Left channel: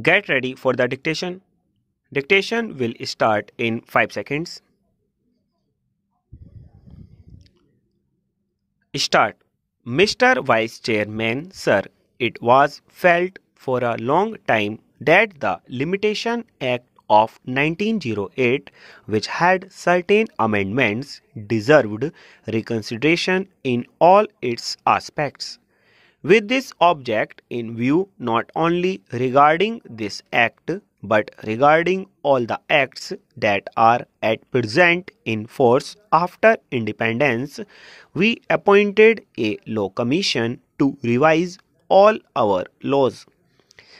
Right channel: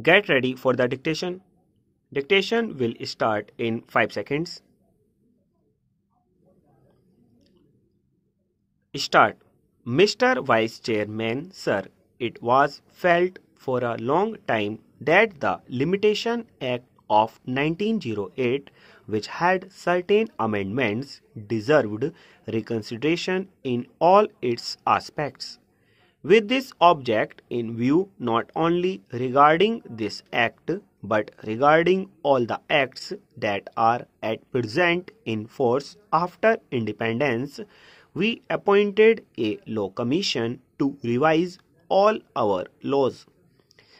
Get ready for the dictation. Dictation will start in 5 seconds. Start. Mr. Vice Chairman, sir, it was felt for a long time that the Limitation Act of 1908, which had certain amendments, deserved reconsideration in all its aspects. With this object in view, not only regarding this act but regarding all the acts that are at present in force after independence, we appointed a law commission to revise all our laws.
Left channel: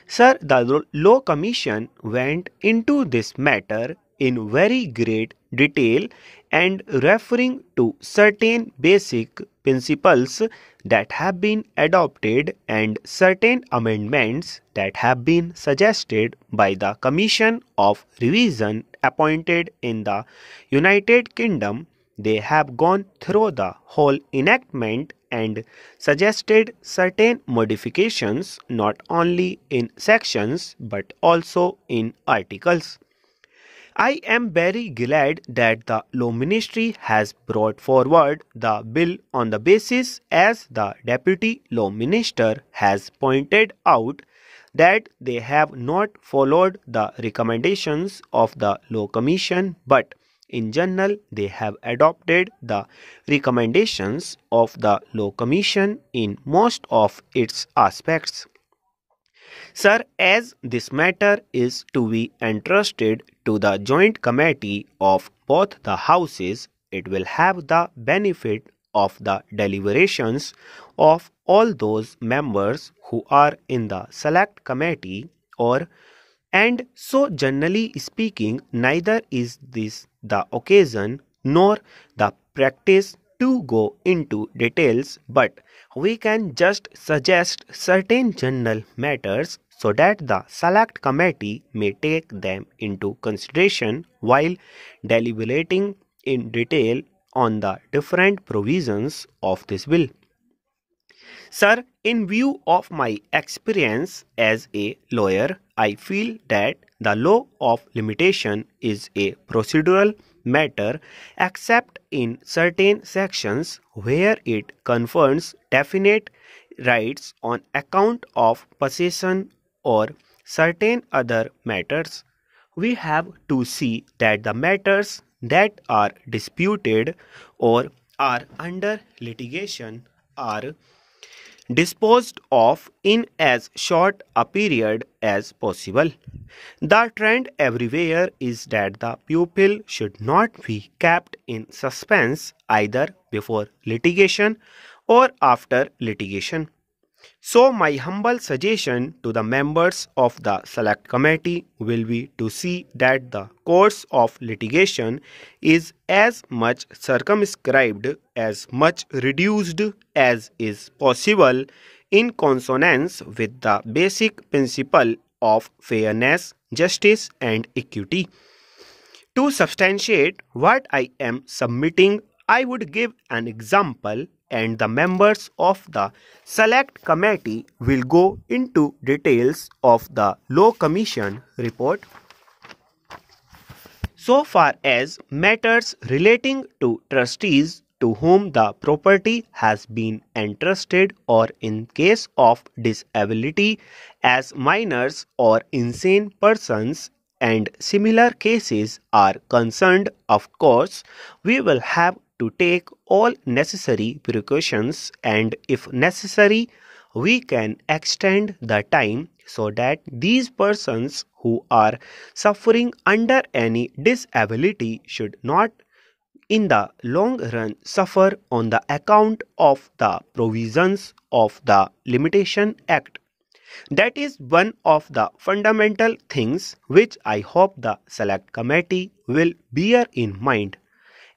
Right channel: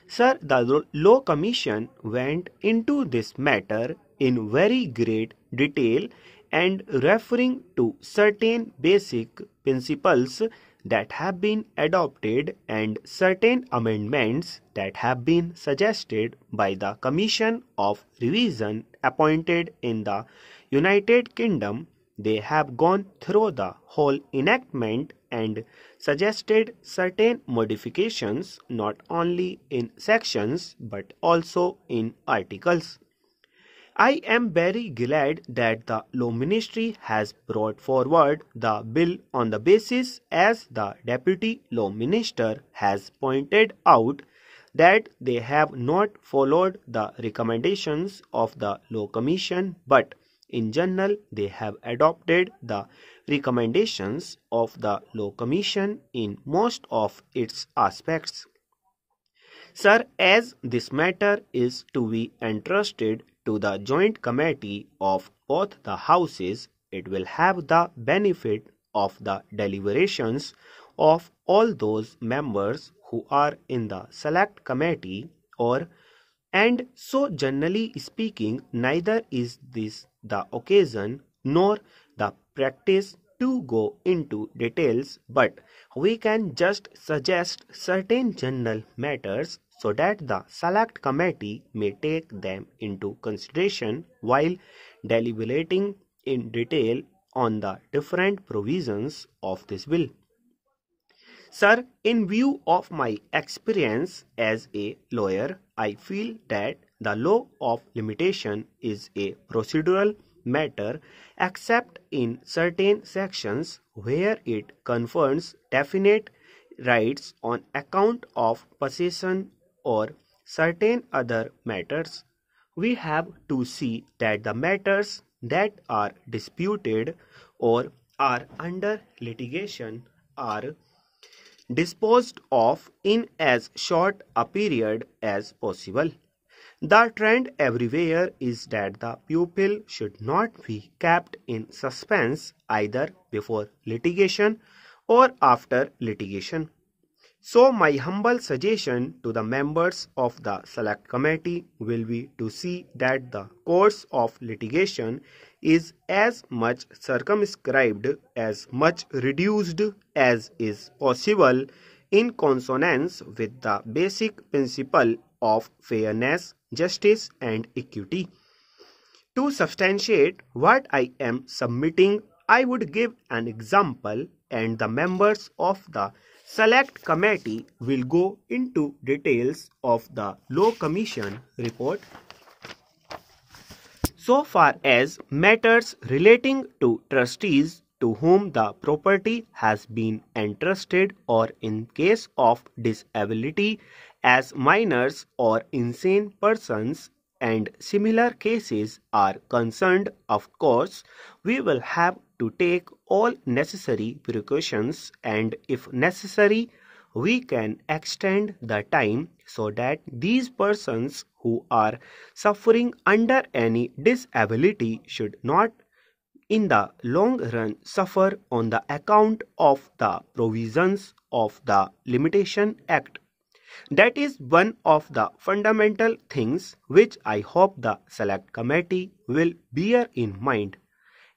Sir, the law commission went into this matter in very great detail and referring to certain basic principles that have been adopted and certain amendments that have been suggested by the Commission of Revision appointed in the United Kingdom. They have gone through the whole enactment and suggested certain modifications not only in sections but also in articles. I am very glad that the Law Ministry has brought forward the bill on the basis, as the Deputy Law Minister has pointed out, that they have not followed the recommendations of the Law Commission, but in general they have adopted the recommendations of the Law Commission in most of its aspects. Sir, as this matter is to be entrusted to the joint committee of both the houses, it will have the benefit of the deliberations of all those members who are in the select committee, and so generally speaking, neither is this the occasion nor the practice to go into details, but we can just suggest certain general matters so that the select committee may take them into consideration while deliberating in detail on the different provisions of this bill. Sir, in view of my experience as a lawyer, I feel that the law of limitation is a procedural matter except in certain sections where it confers definite rights on account of possession or certain other matters. We have to see that the matters that are disputed or are under litigation are disposed of in as short a period as possible. The trend everywhere is that the pupil should not be kept in suspense either before litigation or after litigation. So my humble suggestion to the members of the select committee will be to see that the course of litigation is as much circumscribed, as much reduced as is possible in consonance with the basic principle of fairness, justice and equity. To substantiate what I am submitting, I would give an example and the members of the select committee will go into details of the Law Commission report. So far as matters relating to trustees to whom the property has been entrusted, or in case of disability as minors or insane persons and similar cases are concerned, of course, we will have to take all necessary precautions, and if necessary, we can extend the time so that these persons who are suffering under any disability should not in the long run suffer on the account of the provisions of the Limitation Act. That is one of the fundamental things which I hope the select committee will bear in mind.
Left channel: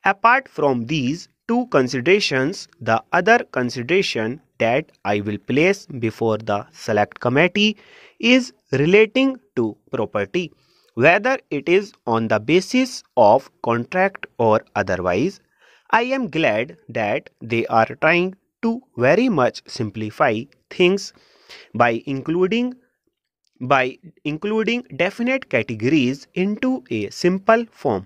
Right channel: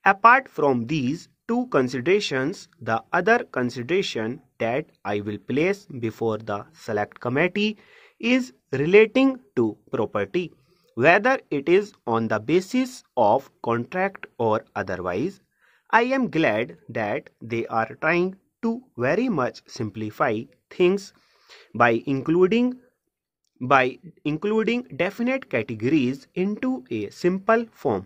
Apart from these two considerations, the other consideration that I will place before the select committee is relating to property, whether it is on the basis of contract or otherwise. I am glad that they are trying to very much simplify things by including by including definite categories into a simple form.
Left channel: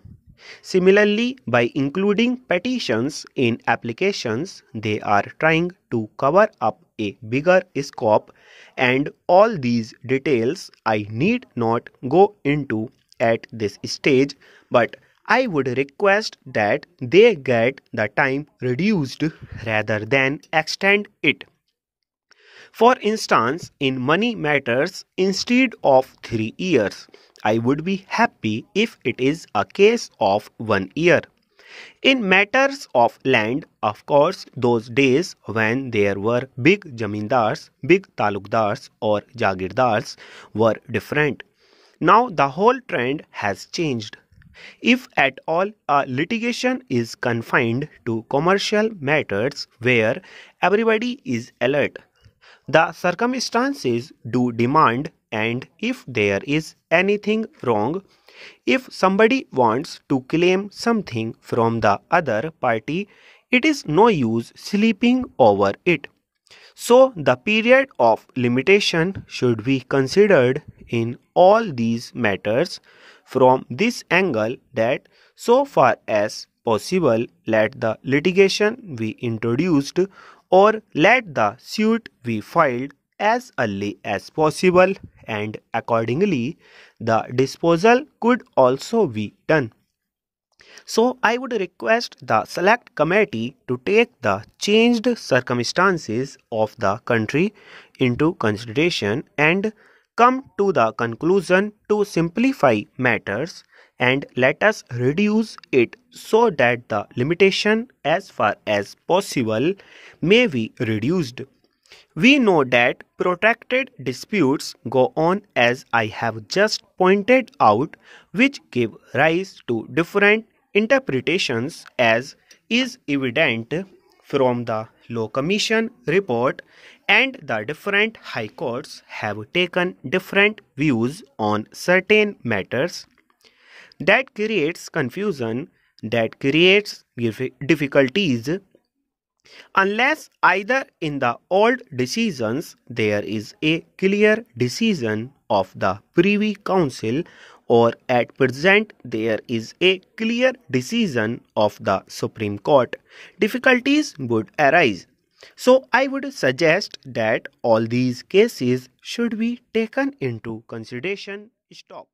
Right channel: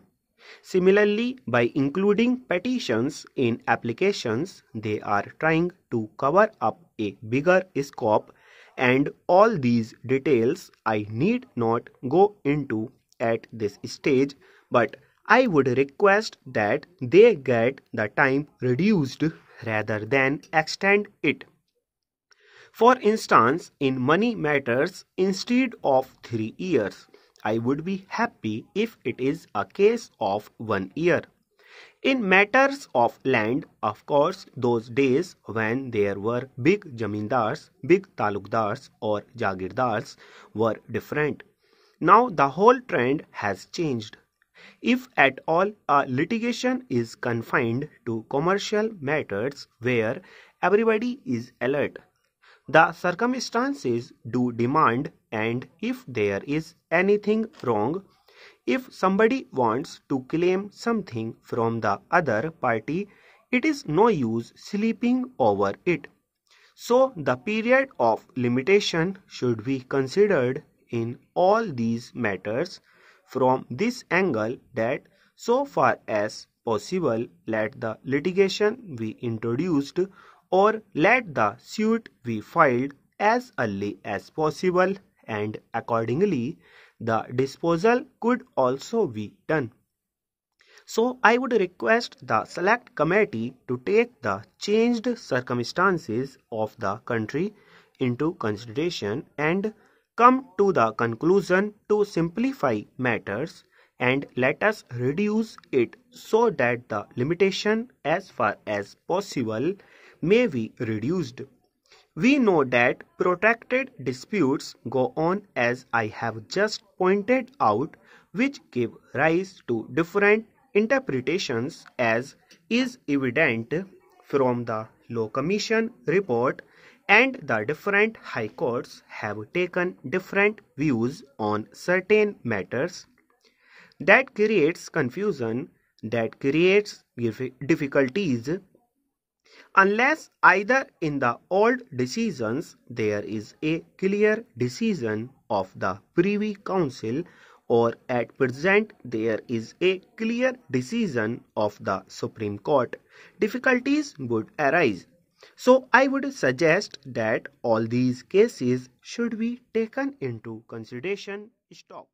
Similarly, by including petitions in applications, they are trying to cover up a bigger scope, and all these details I need not go into at this stage, but I would request that they get the time reduced rather than extend it. For instance, in money matters, instead of 3 years, I would be happy if it is a case of 1 year. In matters of land, of course, those days when there were big jamindars, big talukdars or jagirdars were different. Now the whole trend has changed. If at all a litigation is confined to commercial matters where everybody is alert, the circumstances do demand, and if there is anything wrong, if somebody wants to claim something from the other party, it is no use sleeping over it. So, the period of limitation should be considered in all these matters from this angle, that so far as possible let the litigation be introduced or let the suit be filed as early as possible, and accordingly the disposal could also be done. So I would request the select committee to take the changed circumstances of the country into consideration and come to the conclusion to simplify matters, and let us reduce it so that the limitation as far as possible may be reduced. We know that protracted disputes go on, as I have just pointed out, which give rise to different interpretations, as is evident from the Law Commission report, and the different high courts have taken different views on certain matters. That creates confusion, that creates difficulties, unless either in the old decisions there is a clear decision of the Privy Council, or at present there is a clear decision of the Supreme Court, difficulties would arise. So I would suggest that all these cases should be taken into consideration. Stop.